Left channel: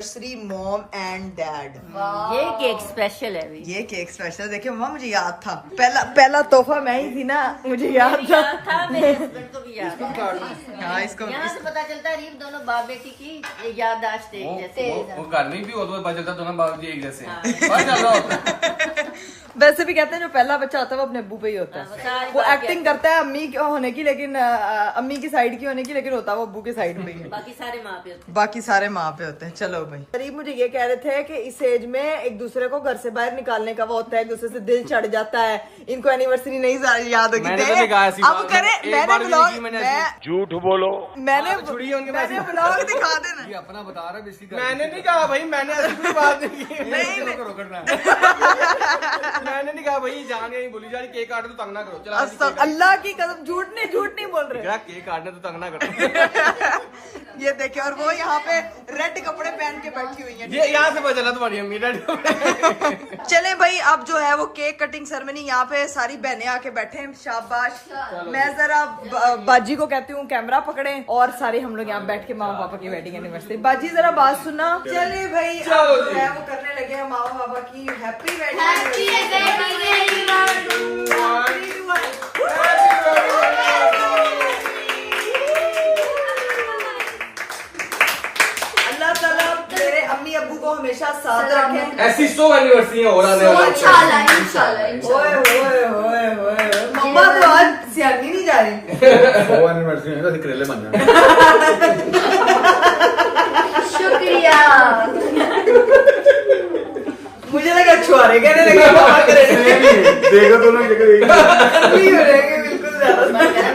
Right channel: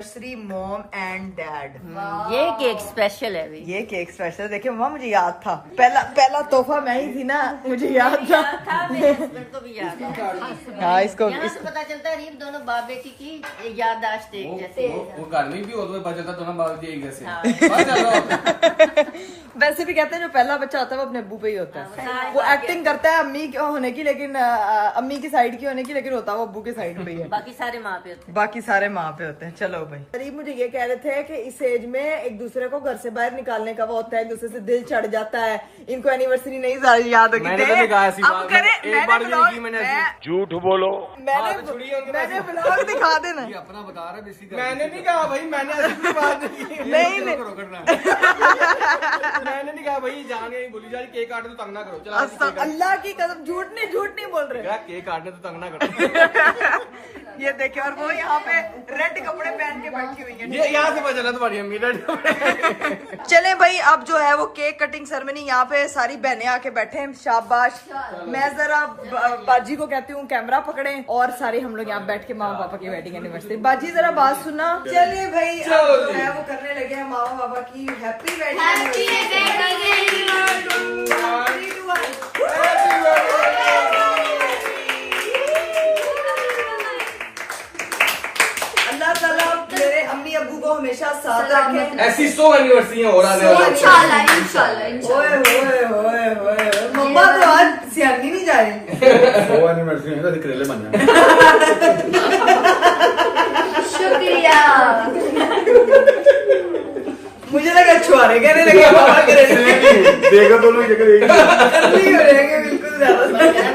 Shri mom and dad. ये cake special है अभी। ये केक स्पेशल देखिए मम्मा, मुझे याद था पहला तोहफा मैं ही थी ना, मुझे याद था। हाँ इसको यहाँ से पता चलता है रीफ दोनों बाप बेटी की याददाश्त एक जैसे। वो घर में भी हो तो पता चलता दोनों बाप जी एक जैसे। वैसे भी कहते हैं जो पहला बच्चा होता है वो अपने अब्बू पे ही होता है। वो एक्टिंग करता है अम्मी की होने की, लेकिन अम्मी की साइड की होने की, लेकिन होता है वो अब्बू के साइड पे ही है। बाकी सारे माँ पे होते हैं। बाकी सारे माँ पे होते हैं। चलो भाई, करीब मुझे ये कह रहे थे कि इस एज में एक दूसरे को घर से बाहर निकालने का वो होता है, एक दूसरे से दिल चढ़ जाता है। इनको एनिवर्सरी नहीं सारी याद होगी। मैंने तो नहीं कहा ऐसी बात। एक बार भी नहीं की मैंने ऐसी। झूठ बोलो। मैंने ब्लॉग दिखा देना। ये अपना बता रहा है बेसिक। मैंने नहीं कहा भाई, मैंने ऐसी कोई बात नहीं की। मैंने नहीं कहा भाई, जान यही बोली जा रही केक काटे तो तंग ना करो। चलो अल्लाह की कसम झूठ नहीं बोल रहे। केक काटने तो तंग ना करो। ये देखे, और वो यहाँ पे रेड कपड़े पहन के बैठी हुई है। ये यहाँ से पता चला तुम्हारी अम्मी। चले भाई, अब जो है वो केक कटिंग सेरेमनी, यहाँ पे सारी बहनें आके बैठे हैं। शाबाश। मैं जरा बाजी को कहती हूँ कैमरा पकड़े, और सारे हम लोग यहाँ बैठ के मामा पापा की वेडिंग एनिवर्सरी। बाजी जरा बात सुना। चले भाई, अब जो है वो करने लगे हैं मामा पापा की हैप्पी वेडिंग अल्लाह ताला मेरे अम्मी अब्बू को हमेशा साथ रखे। ऐसी 100 एनिवर्सरी हो रहा है। मम्मा तो आज सियानी नहीं जा रही। वो एनिवर्सरी है तो करेले बन जाए। शुक्रिया। मुझे लगा छुआरे कहने लगे पापा देखो दोनों की जगह एक नहीं हो रहेंगे बिल्कुल ज्यादा।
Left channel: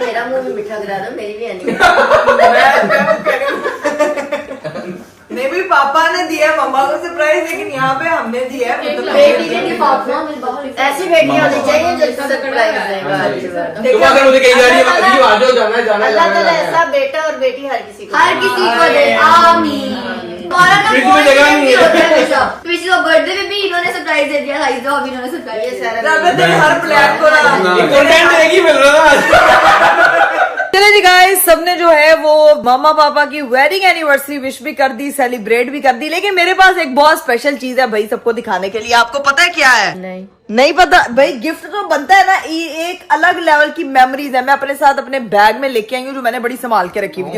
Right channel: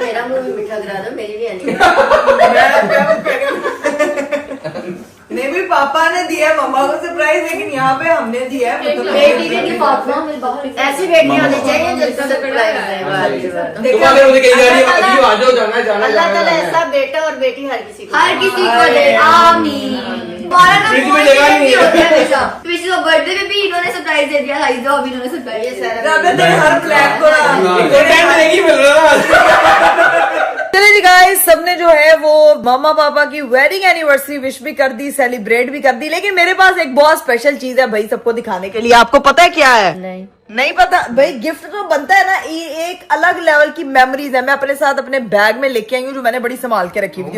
मेरा मुंह भी मीठा करा दो, मेरी भी आनी। नहीं भी पापा ने दिया है मम्मा को सरप्राइज, लेकिन यहाँ पे हमने दिया है। बेटी के ऐसी बेटियां होनी चाहिए जो सरप्राइज दें। तुम्हारे मुझे कही जा रही है अभी आ जाओ, जाना है जाना है अल्लाह जाना ताला है। ऐसा बेटा और बेटी हर किसी को दे। आमीन। हमारा ना फ्रिज में बहुत जगह नहीं है। होता है हमेशा। पिछले बर्थडे में भी इन्होंने सरप्राइज दे दिया, हाइज़ा अभी इन्होंने सरप्राइज दिया। हर प्लान को कंटेंट नहीं मिल रहा। चले जी गाइस, सबने जो है वो मामा पापा की वेडिंग एनिवर्सरी विश भी कर दी, सेलिब्रेट भी कर दी, लेकिन मेरे पास एक बहुत स्पेशल चीज है भाई सबको दिखाने के लिए। आपको पता है क्या है? नहीं पता भाई। गिफ्ट तो बनता है ना, ये एक अलग लेवल की मेमोरीज है। मैं अपने साथ अपने बैग में लेके आई हूँ, जो मैंने बड़ी संभाल के रखी हुई थी।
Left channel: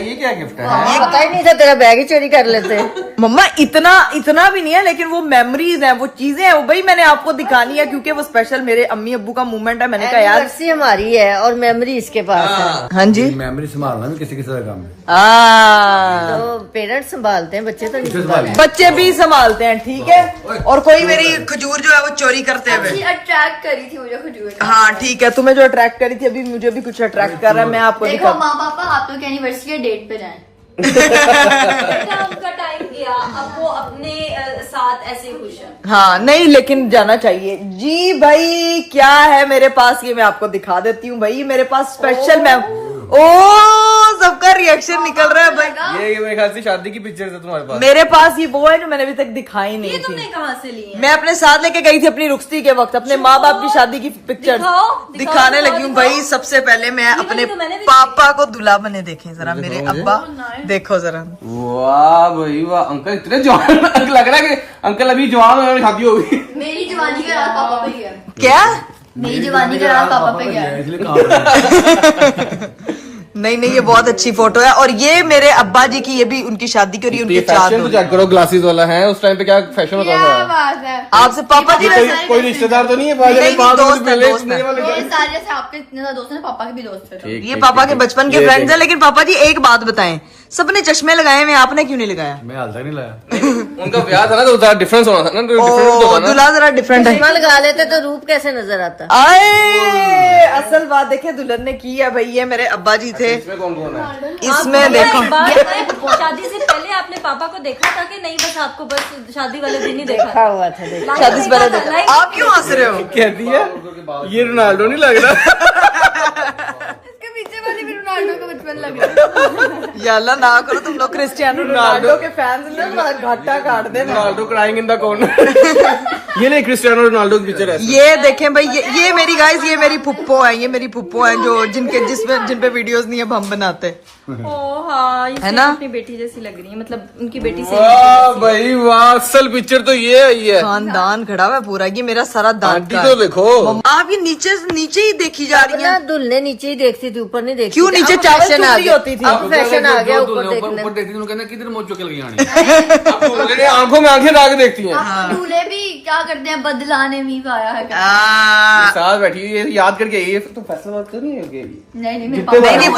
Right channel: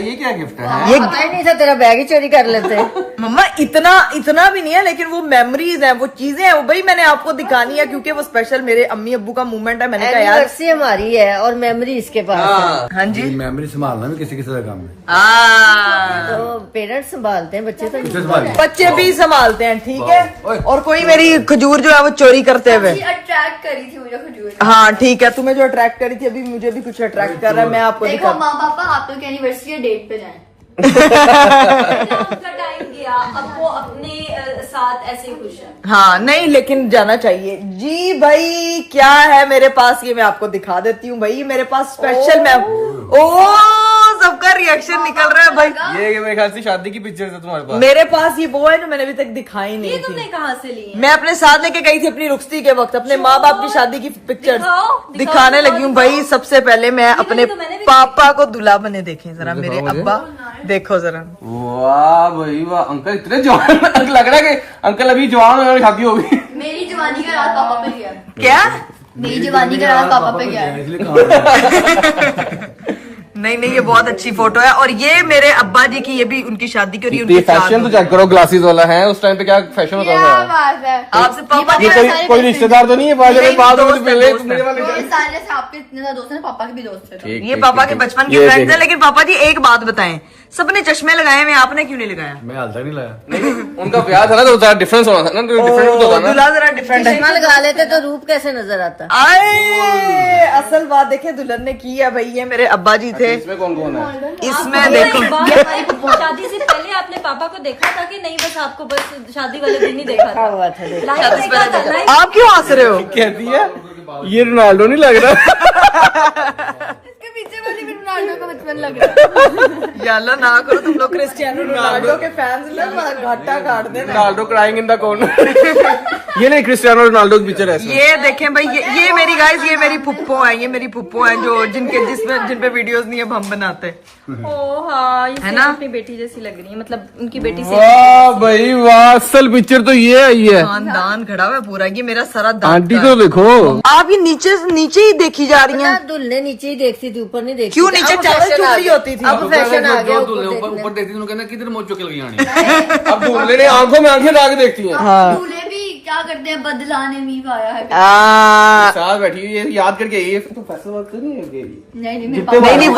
ये क्या गिफ्ट है? ये पता ही नहीं था, तेरा बैग ही चोरी कर लेते। मम्मा इतना भी नहीं है, लेकिन वो मेमोरीज हैं, वो चीजें हैं, वो भाई मैंने आपको दिखानी है क्योंकि वो स्पेशल मेरे अम्मी अब्बू का मूवमेंट है। मैंने कहा यार एनिवर्सरी हमारी है और मेमोरी इसके पास है। हाँ जी, मेमोरी संभालना भी किसी किसी का काम है। तो पेरेंट्स संभालते हैं, बच्चे तो नहीं संभालते। बच्चे भी संभालते हैं, ठीक है। और कोई मेरी खजूर जो है वो चोरी करते हुए। अट्रैक्ट करी थी मुझे खजूर। हाँ ठीक है, तुम्हें जो अट्रैक्ट करी थी, अभी मुझे भी कुछ अट्रैक्ट कर रहा है। मैं आपको देखो दिखा। माँ पापा आप लोग की एनिवर्सरी के डेट पे जाएं। का टाइम दिया, अब वो अपने साथ ऐसे खुश है। हाँ नहीं, लेकिन जाना चाहिए जी भाई। क्या है मेरे पास, ये मैं आपको दिखा देती हूँ भाई। मेरे पास स्पेशल मैं सबका रिएक्शन निकल रहा है भाई। ये मेरे ख्याल से शादी की पिक्चर है तुम्हारे पास। मेरे पास ये वो है जो मैंने अभी तक दिखाई नहीं ये थी। तुमने कहाँ से ली है? मैं अपने साथ लेके गई थी अपनी रुखसती के वक्त, अपने माँ बाप की शादी की पिक्चर दिखाने लगी हूँ भाई। सबसे पहले मैं अपने पापा को दूल्हा बने देखे जरा, मेरे अब्बा देखो जरा। वाह भाई वाह, अंकल इतने जवान लग रहा है कि अंकल अभी जवान हो, शादी होगी। मेरी जवानी का रात पापा पे गया। क्या? मेरी जवानी का रात पापा पे गया। नहीं, ये बहुत अच्छी फोटो है। और ये मेरे अब्बा जी की, ये भी उनकी शादी करी, उनकी फैशन तो चेक करो, ग्लासेस वाला है। उस टाइम पे क्या फैशन होता क्या था? बात है। आपसे पापा जी कोई रिश्तेदार तो नहीं है? नहीं, बाद दोस्त है, पहले दोस्त है। वाले वो सारे जैसे आपके इतने ज्यादा दोस्त हैं, पापा के भी दोस्त थे। ये पापा के बचपन के फ्रेंड्स हैं। लेकिन पापा जी एक बात बताएं, सबने चश्मे लगाए हुए, आपने क्यों नहीं लगाया? मैं हाल तक नहीं लाया। उनका ब्याह था ना, तो जरा डिफरेंस होना था ना, डिफरेंस तो था ना। दूल्हा जरा डिफरेंट है। चश्मा लगा लेते तो रूप कैसे नजर आता। आए असल बात देखे दुल्हन ने की है भाई। ये मेरे अब्बा जी थे, इसमें देखो। शादी से पहले आपने पापा को देखा था कि नहीं? बस आपको बस शादी वाले दिन ही देखा था। हुआ था देखो। शादी से पहले देखा। आप क्यों हंस रहे हो? कहती है ये रोनाल्डो नहीं लग रहा। इसके पीछे वाली भी रोनाल्डो का बचपन लग रहा है। या अल्लाह ना करो तुम लोग क्रिस्टियानो रोनाल्डो के फैंस ना घाटा काट देना। Ronaldo crying in the corner. ये नहीं क्रिस्टियानो रोनाल्डो की पिक्चर है। ये देखें भाई, ये मेरी गाइस, ये मेरी फुप्पो है, ये मेरी फुप्पो है जो जिन पे वीडियोस नहीं है हम बनाते। ओ हाँ, ये है सेम ना? अपनी बेटी जैसी लग रही है, मतलब उनकी बेटी सेम। वाह भाई वाह, असल पिक्चर तो ये है। ये खानदान खड़ा हुआ है पूरा, ये मेरा सारा दांत आंटी का को है। देखो, आप ये नीचे ही देखी जा रही हैं। दुल्हने नीचे ही देखती थी, ऊपर नहीं देखती क्यों थी। नीचे अब चावल फैशन चुप आ रही गया। होती थी? अब फैशन आ गया ऊपर देखने। ऊपर देखती थी, कहना किधर मोच चुके लगी आनी। अब दूल्हे आंखों में आंखें डाल के देखती हैं। अब दूल्हे भी क्या करते हैं, बदलाने भी आया है। साथ बैठी है, याद करके ये तो फैसला बात कर रही है। नहीं नहीं, मेरे जितने पापा नहीं,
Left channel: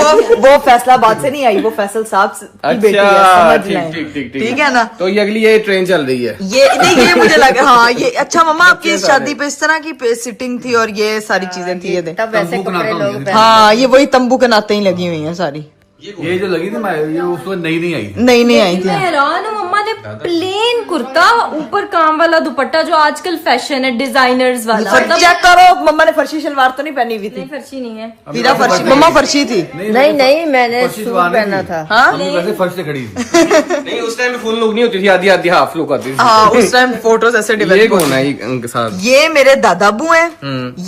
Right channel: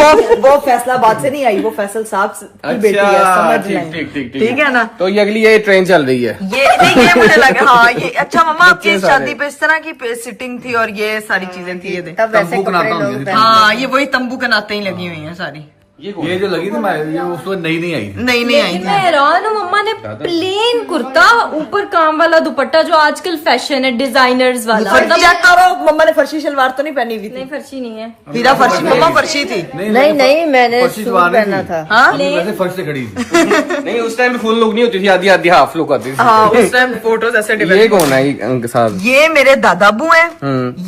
वो फैसलाबाद से नहीं आई, वो फैसल साहब की बेटी है, समझ लें। ठीक है ना? तो ये अगली ये ट्रेन चल रही है। ये मुझे लगा, हाँ ये अच्छा। मम्मा आपकी इस शादी पे इस तरह की सिटिंग थी और ये सारी चीजें थी, ये देख। तब वैसे तंबू बनाता कपड़े हूँ लोग ये। हाँ, ये वही तंबू के नाते ही लगी हुई है सारी। ये जो लगी थी ये उस वक्त नई नहीं आई थी। नहीं आई थी। मैं हैरान हूँ, मम्मा ने प्लेन कुर्ता ऊपर काम वाला दुपट्टा, जो आजकल फैशन है डिजाइनर्स वाला। मतलब चेक करो, मम्मा ने फर्शी शलवार तो नहीं पहनी हुई थी? नहीं, फर्शी नहीं है। हीरा फर्शी, मम्मा फर्शी थी। नहीं मैंने फर्शी सूट जवानी पहना थी। था। हाँ मम्मी वैसे फर्श से खड़ी थी। नहीं, उस टाइम फुल लुक नहीं होती थी, आधी आधी हाफ लुक आती थी। हाँ, उस टाइम फोटोज ऐसे ये डेवलप। कौन है इनके साथ? ये मेरे दादाबू हैं।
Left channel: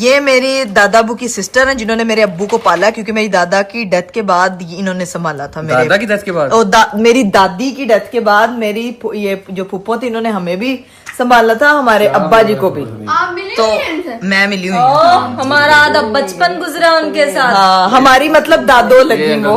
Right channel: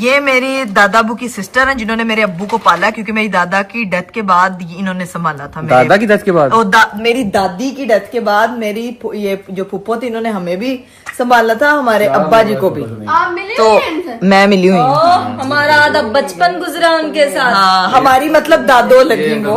ये मेरे दादाबू की सिस्टर हैं जिन्होंने मेरे अब्बू को पाला, क्योंकि मेरी दादा की डेथ के बाद इन्होंने संभाला था। दादा की डेथ के बाद? मेरी दादी की डेथ के बाद मेरी ये जो फुप्पो थी, इन्होंने हमें भी संभाला था, हमारे अब्बा जी को भी। आप मिले तो हैं इनसे? मैं मिली हुई हूँ। हमारा आधा बचपन गुजरा उनके साथ। हाँ, हमारी मतलब दादो लगी वो।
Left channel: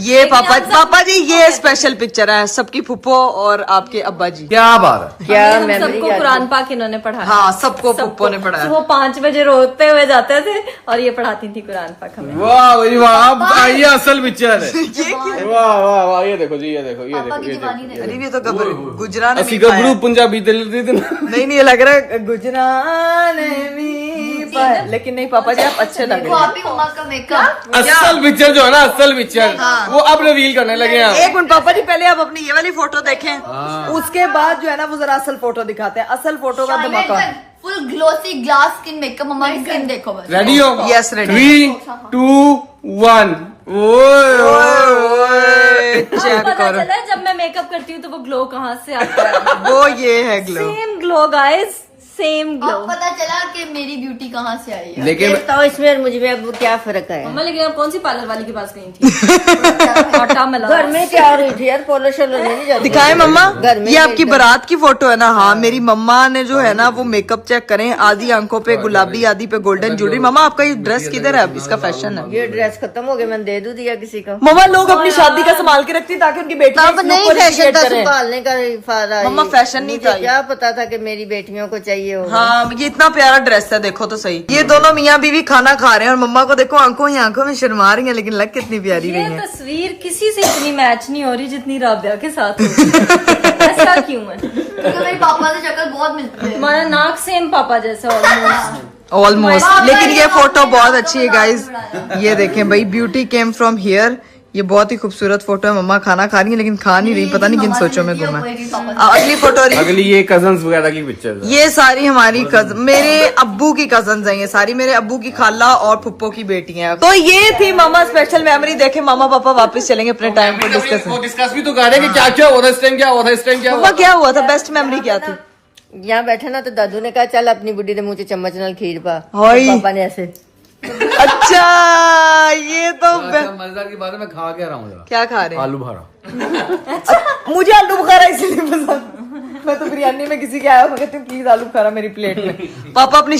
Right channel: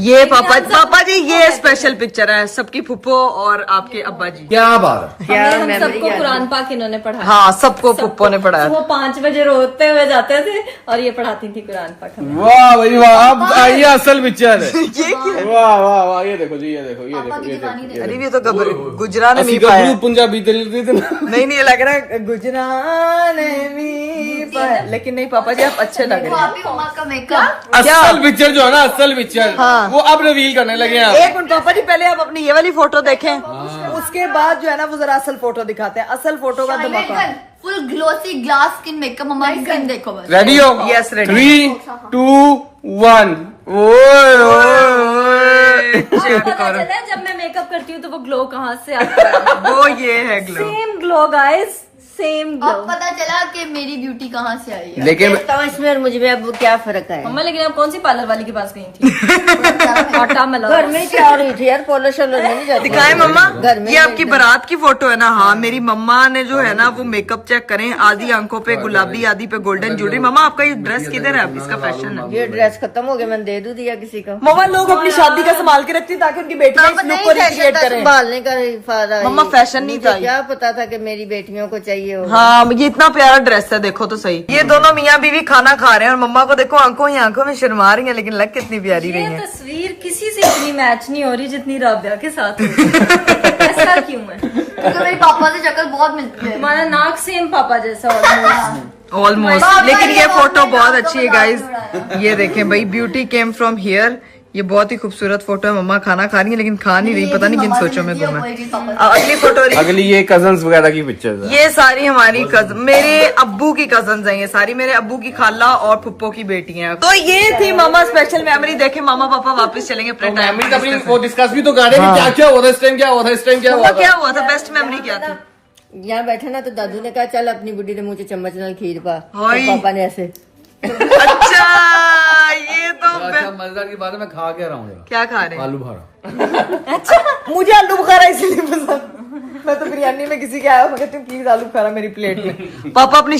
ये पापा जी, ये स्पेशल पिक्चर है सबकी फुप्पो और आपके अब्बा जी। क्या बात है। क्या हम memory सबको क्या कुरान पाक इन्होंने पढ़ाया। हाँ, सबको फुप्पो ने पढ़ाया। वो 5 बजे रोते हुए जाते थे और ये पढ़ाती थी कुरान पाक हमें। वाह भाई वाह, अब ये असल पिक्चर है। ये क्या? वाह वाह वाह, ये देखो जी, ये देखो, ये पापा देखो, की ये जुबानी देखो। देखो। अरे ये तो गुजरा ने असली नहीं पाया। गबरू पंजाबी दिल दी थी ना। नहीं ये लग रहा है गुजरा ने भी पाया, लेकिन नहीं पापा जी आप अच्छे लग वो रहे आप ही उमा का मेकअप। असल पिक्चर जो है ना, असल पिक्चर हाँ। वो अब रिवील करने लगे हैं। हैं। एक मिनट पापा जी, पहले आप अपनी ये वाली फोटो देखें, उसके बाद जो है ना वो जरा असल फोटो दिखाते हैं। असल फोटो का धमाका। Full glossy glass skin makeup. हमारी स्किन देखो बस। रेडी हो? Yes, ready. 3, 2, 1। चेक पता करो, चला है, जब मैं मेकअप करती हूँ तो वो ग्लो कहाँ से आता है। वो ये है glow. Same glow guys, same glow. अब पता चला कि मेरी ब्यूटी कहाँ से आई है। लेकिन तो इसमें और मुझे अब क्या फर्क है? मम्मा लेकिन आप कौन सी पार्लर वाली के पास गई थी? आटा मला। घर में क्या हो रही थी यार? पोलो शोलो नहीं जाती। दिखाए मम्मा, घर में ये आपकी बारात की फोटो है ना? हाँ, मेरी मम्मा ने जो है ना वो मेकअप चेक करें, आधी आंखों पे गुलाबी, आधी पे गोल्डन ज्वेलरी। मम्मा आपका ये ड्रेस किधर है? अब इसका फैशन है। ये ड्रेस खत्म हो गया, मैंने दे दूं दिया किसी को। मम्मा लोग अपनी शादी का संभाल के रखती ताकि उनकी बेटियां इस लुक को रिक्रिएट करें। संभालने का फायदा है। मम्मा, फैशन नहीं मुझे था ये। क्या पता था कि मेरी बेटियों को चाहिए होगा। हाँ, ये इतना प्यारा ड्रेस है, देखो तो सही। ये दोनों मियाँ बीवी खाना खा रहे हैं और मम्मा को देखो आंखों ही आंखों में शर्मा रही है, लेकिन लग कितनी प्यारी रही ये है। तस्वीर किसी से इतनी मैच नहीं हो रही जितनी राबिया के साथ हो रही। ऐसा क्यों है? क्योंकि मेरे पापा से शक्ल बहुत मिलती है। हमारा नाक सेम पापा जैसा ऑलमोस्ट। ऑलमोस्ट। लेकिन ये फोटो बहुत अच्छी है गाइज। ये देखें भाई, ब्यूटी केम फ्रॉम हियर। ये बहुत ही खूबसूरत फोटो है। मम्मा खाना खा रही है लेकिन खा नहीं रही, पता नहीं किन सोचों में गुम है। अगली फोटो अगली ये कजन्स वगैरह की पिक्चर है। ये सारी हमारी कजन, मेरे अब्बू की कजन है ये सारी, मेरे अब्बू की खाला और फुप्पो की बेटियां। तो ये थी मामा स्पेशल मेमोरी। देखे मामा पापा वापस चलेंगे अपने टाइम में डिस्कस। वो डिस्कस भी तो कर रहे हैं कि क्या क्या हुआ था इस टाइम, क्या हुआ था इस टाइम, क्या हुआ था। क्या हुआ था? बेस्ट मेमोरी क्या थी? यहाँ बैठा ना तो दादू ने कहा चल अपनी बुढ़ी के मुंह से चम्मच नाल खीर पा। हाय। तो पापा ने ऐसे अच्छा, ये तो अच्छा मजेदार की बात है, मैं खा क्या रहा हूँ जरा? क्या खा रहे हैं? आलू भरा। मुझे आलू बुखारा इसलिए पसंद। मैं तो बिरयानी में किसी के आया, मैं कहती हूँ प्लीज आलू बुखारा मेरी प्लेट में। पापा अपनी